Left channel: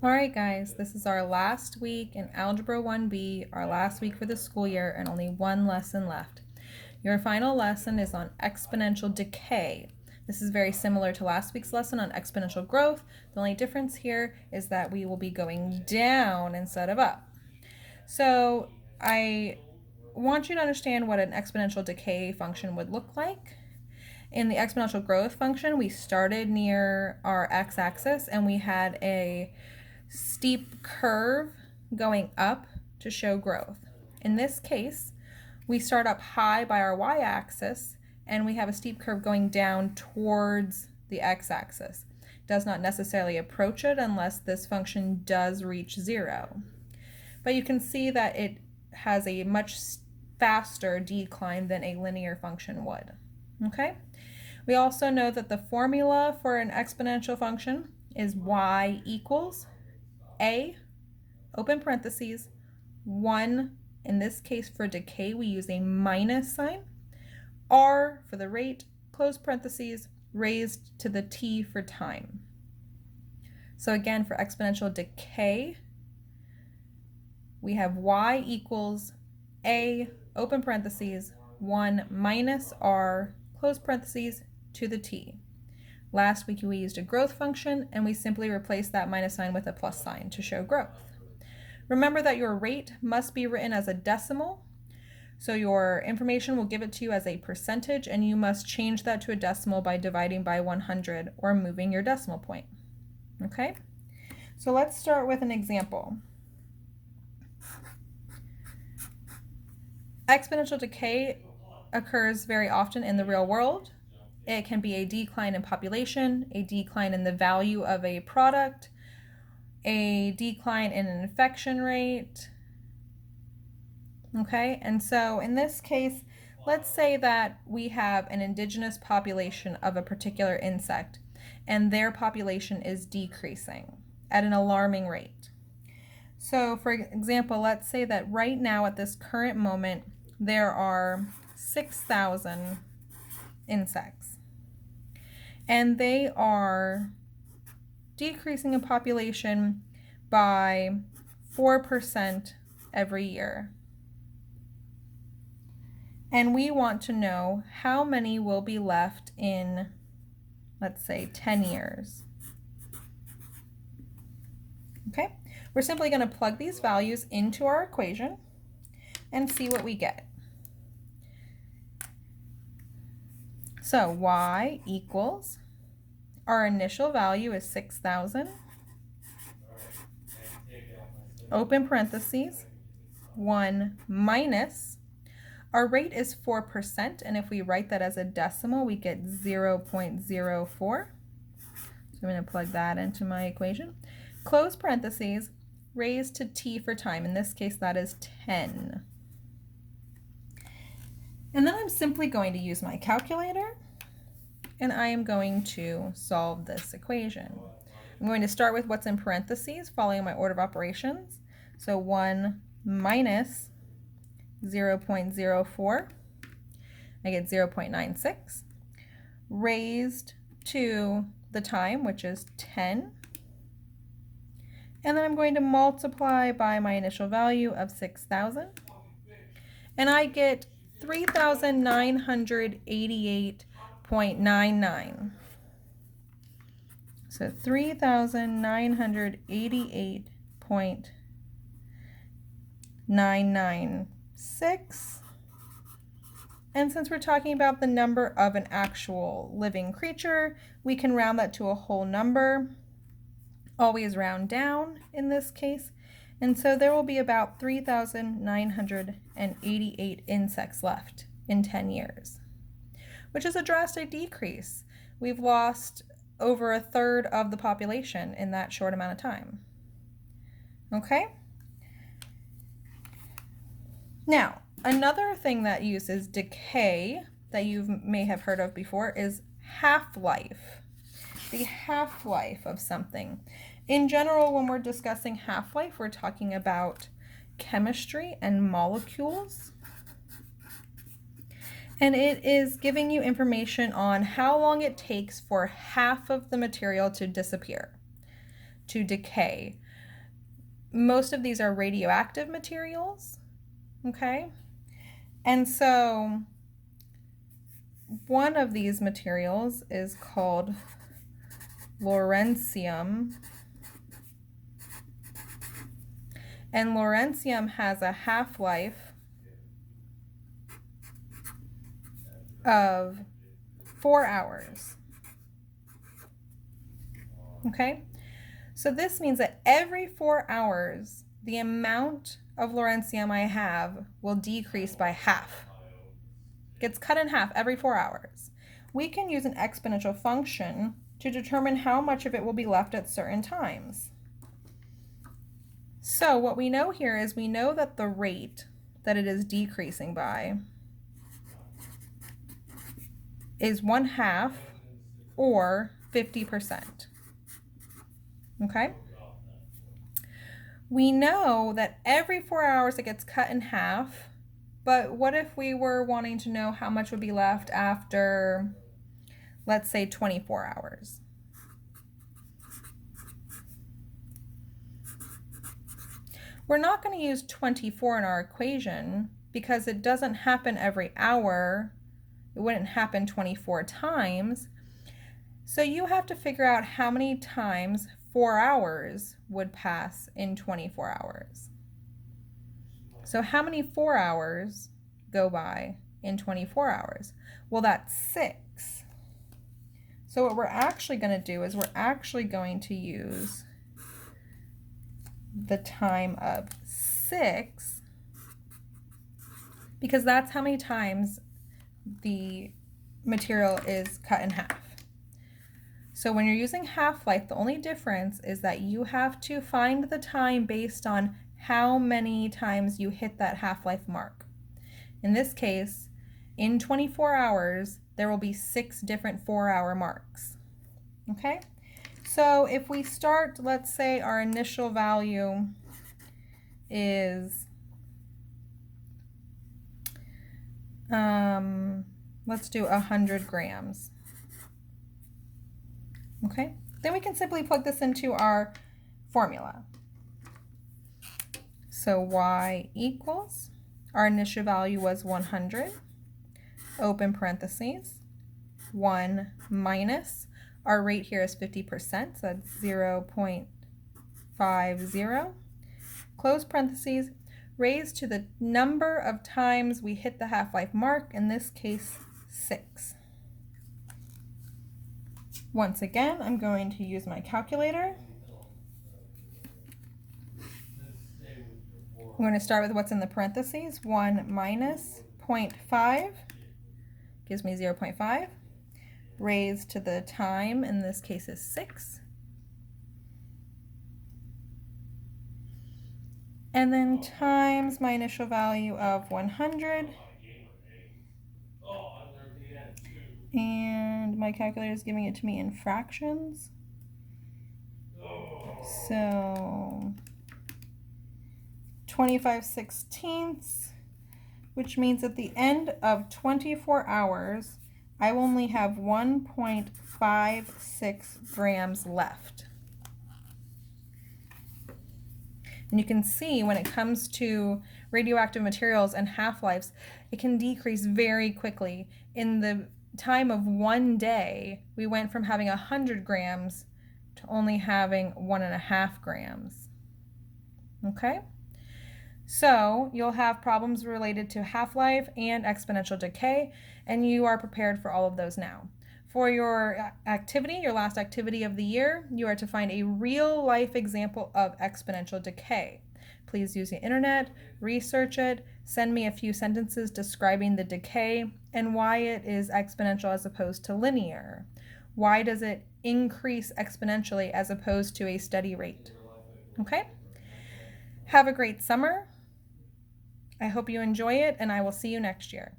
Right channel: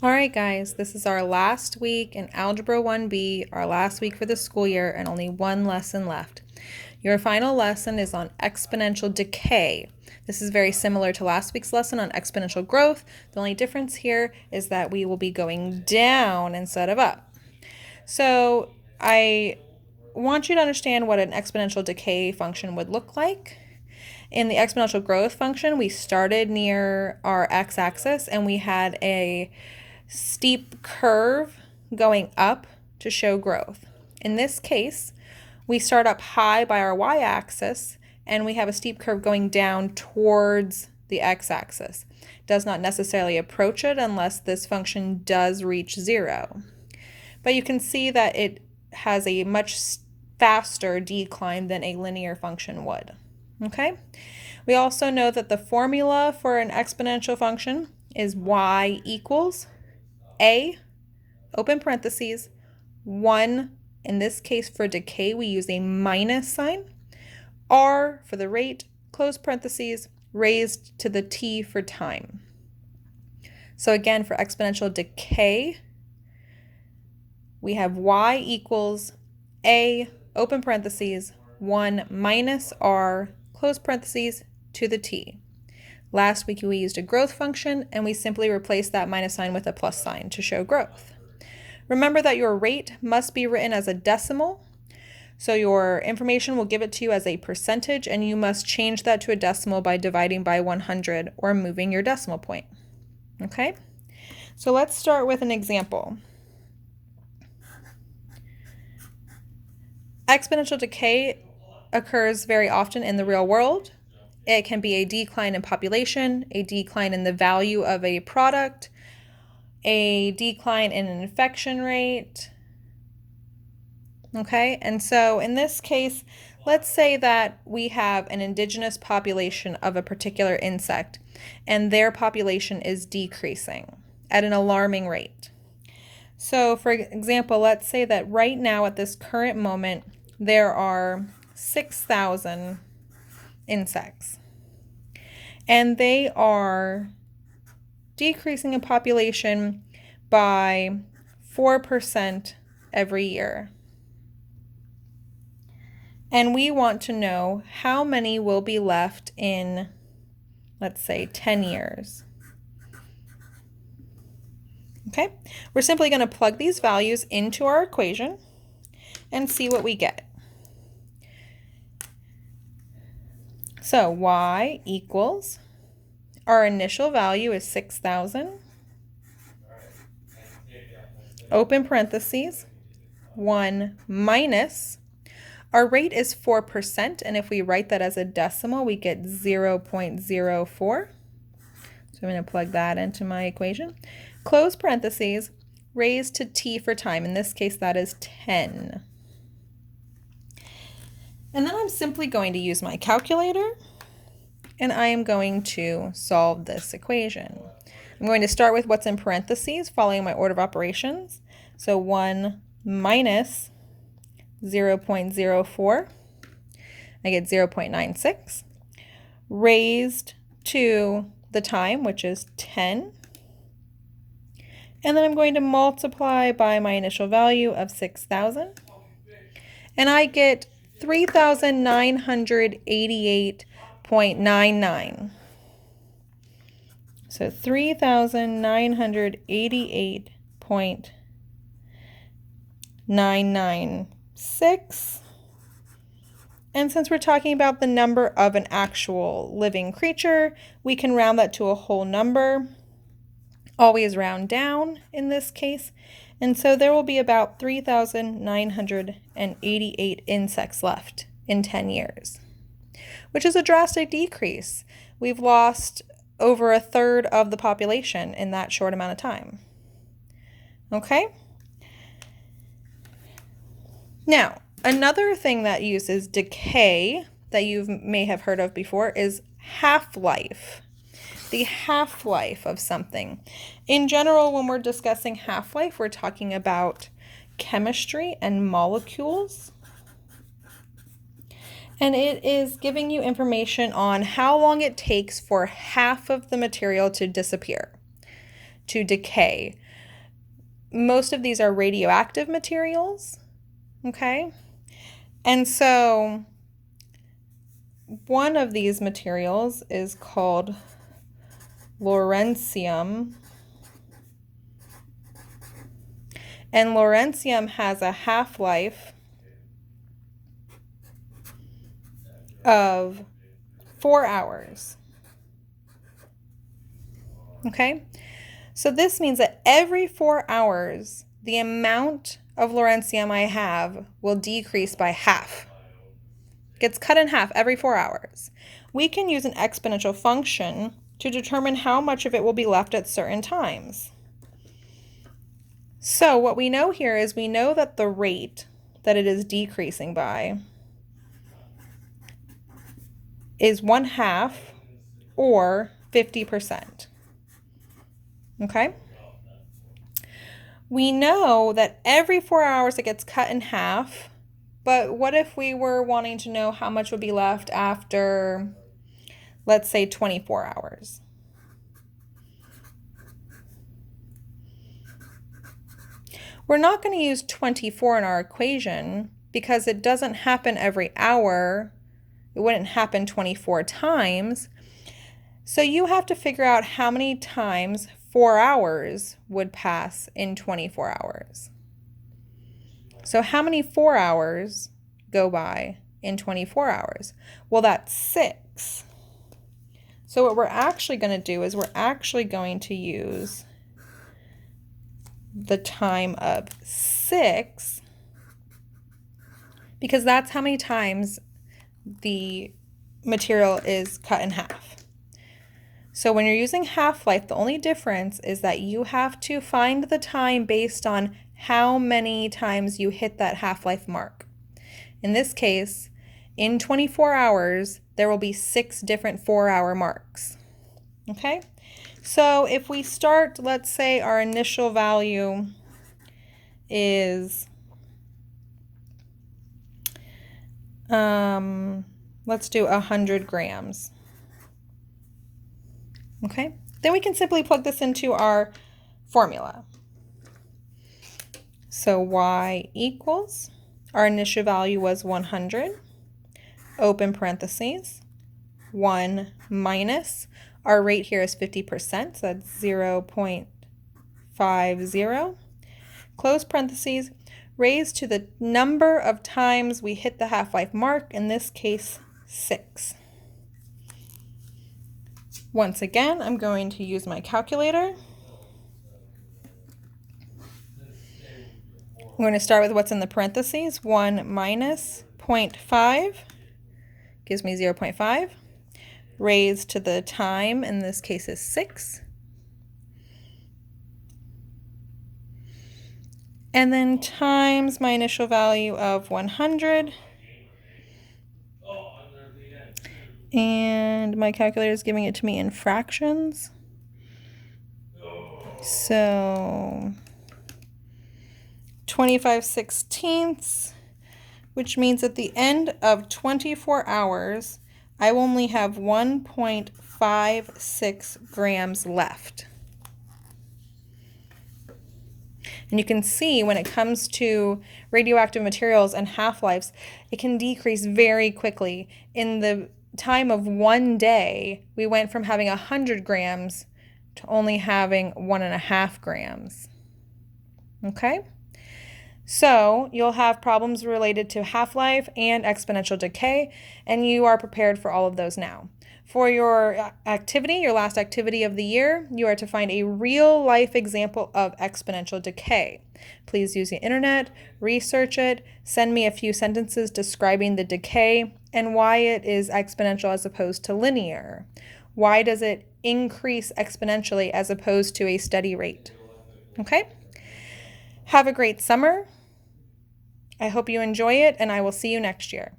All right, guys, this is our last week in Algebra 1B, our last week for the school year, and only one lesson left. Your final lesson is on exponential decay. This is very similar to last week's lesson on exponential growth. The only difference here is that we will be going down instead of up. So I want you to understand what an exponential decay function would look like. In the exponential growth function, we started near our x-axis and we had a steep curve going up to show growth. In this case, we start up high by our y-axis and we have a steep curve going down towards the x-axis. It does not necessarily approach it unless this function does reach 0. But you can see that it has a much faster decline than a linear function would. Okay? We also know that the formula for an exponential function is y equals a, open parentheses, 1, in this case for decay we use a minus sign, r for the rate, close parentheses, raised to the t for time. So again, for exponential decay, we have y equals a, open parentheses, 1 minus r, close parentheses, to the t. Last week we used a growth function and we simply replaced that minus sign with a plus sign to show growth. Remember that your rate must be written as a decimal, so your information will give it to you as a percentage and you must change that to a decimal by dividing by 100 or moving your decimal point. Okay? So let's start with an example. Exponential decay occurs very often in the real world. It can be a decline in population, a decline in the value of a product, a decline in an infection rate. Okay, and so in this case, let's say that we have an indigenous population of a particular insect and their population is decreasing at an alarming rate. So for example, let's say that right now at this current moment, there are 6,000 insects. And they are decreasing in population by 4% every year. And we want to know how many will be left in, let's say, 10 years. Okay, we're simply going to plug these values into our equation and see what we get. So y equals, our initial value is 6,000, open parentheses, 1 minus, our rate is 4%, and if we write that as a decimal, we get 0.04. So I'm going to plug that into my equation. Close parentheses, raised to t for time. In this case, that is 10. And then I'm simply going to use my calculator and I am going to solve this equation. I'm going to start with what's in parentheses following my order of operations. So 1 minus 0.04, I get 0.96, raised to the time, which is 10. And then I'm going to multiply by my initial value of 6,000. And I get 3,988.99. So 3,988.996. And since we're talking about the number of an actual living creature, we can round that to a whole number. Always round down in this case. And so there will be about 3,988 insects left in 10 years, which is a drastic decrease. We've lost over a third of the population in that short amount of time. Okay? Now, another thing that uses decay that you may have heard of before is half-life. The half-life of something. In general, when we're discussing half-life, we're talking about chemistry and molecules. And it is giving you information on how long it takes for half of the material to disappear, to decay. most of these are radioactive materials, okay? And so one of these materials is called lawrencium. And lawrencium has a half-life of 4 hours. Okay? So this means that every 4 hours, the amount of lawrencium I have will decrease by half. It gets cut in half every 4 hours. We can use an exponential function to determine how much of it will be left at certain times. So what we know here is we know that the rate that it is decreasing by is 1/2 or 50%. Okay? We know that every 4 hours it gets cut in half, but what if we were wanting to know how much would be left after, let's say, 24 hours? We're not going to use 24 in our equation because it doesn't happen every hour. It wouldn't happen 24 times. So you have to figure out how many times 4 hours would pass in 24 hours. So how many 4 hours go by in 24 hours? Well, that's 6. So what we're actually going to do is we're actually going to use the time of 6 because that's how many times the material is cut in half. So when you're using half-life, the only difference is that you have to find the time based on how many times you hit that half-life mark. In this case, in 24 hours, there will be 6 different 4-hour marks. Okay? So if we start, let's say our initial value is, let's do 100 grams. Okay? Then we can simply plug this into our formula. So y equals, our initial value was 100, open parentheses, 1 minus, our rate here is 50%, so that's 0.50, close parentheses, raised to the number of times we hit the half-life mark, in this case, 6. Once again, I'm going to use my calculator. I'm going to start with what's in the parentheses. 1 minus 0.5 gives me 0.5. Raised to the time, in this case, is 6. And then times my initial value of 100. And my calculator is giving it to me in fractions. So 25/16, which means at the end of 24 hours, I only have 1.56 grams left. And you can see when it comes to radioactive materials and half-lives, it can decrease very quickly. In the time of 1 day, we went from having 100 grams to only having 1.5 grams. Okay? So you'll have problems related to half-life and exponential decay, and you are prepared for all of those now. For your activity, your last activity of the year, you are to find a real-life example of exponential decay. Please use the internet, research it, send me a few sentences describing the decay and why it is exponential as opposed to linear. Why does it increase exponentially as opposed to a steady rate? Okay? Have a great summer. I hope you enjoy it, and I will see you next year.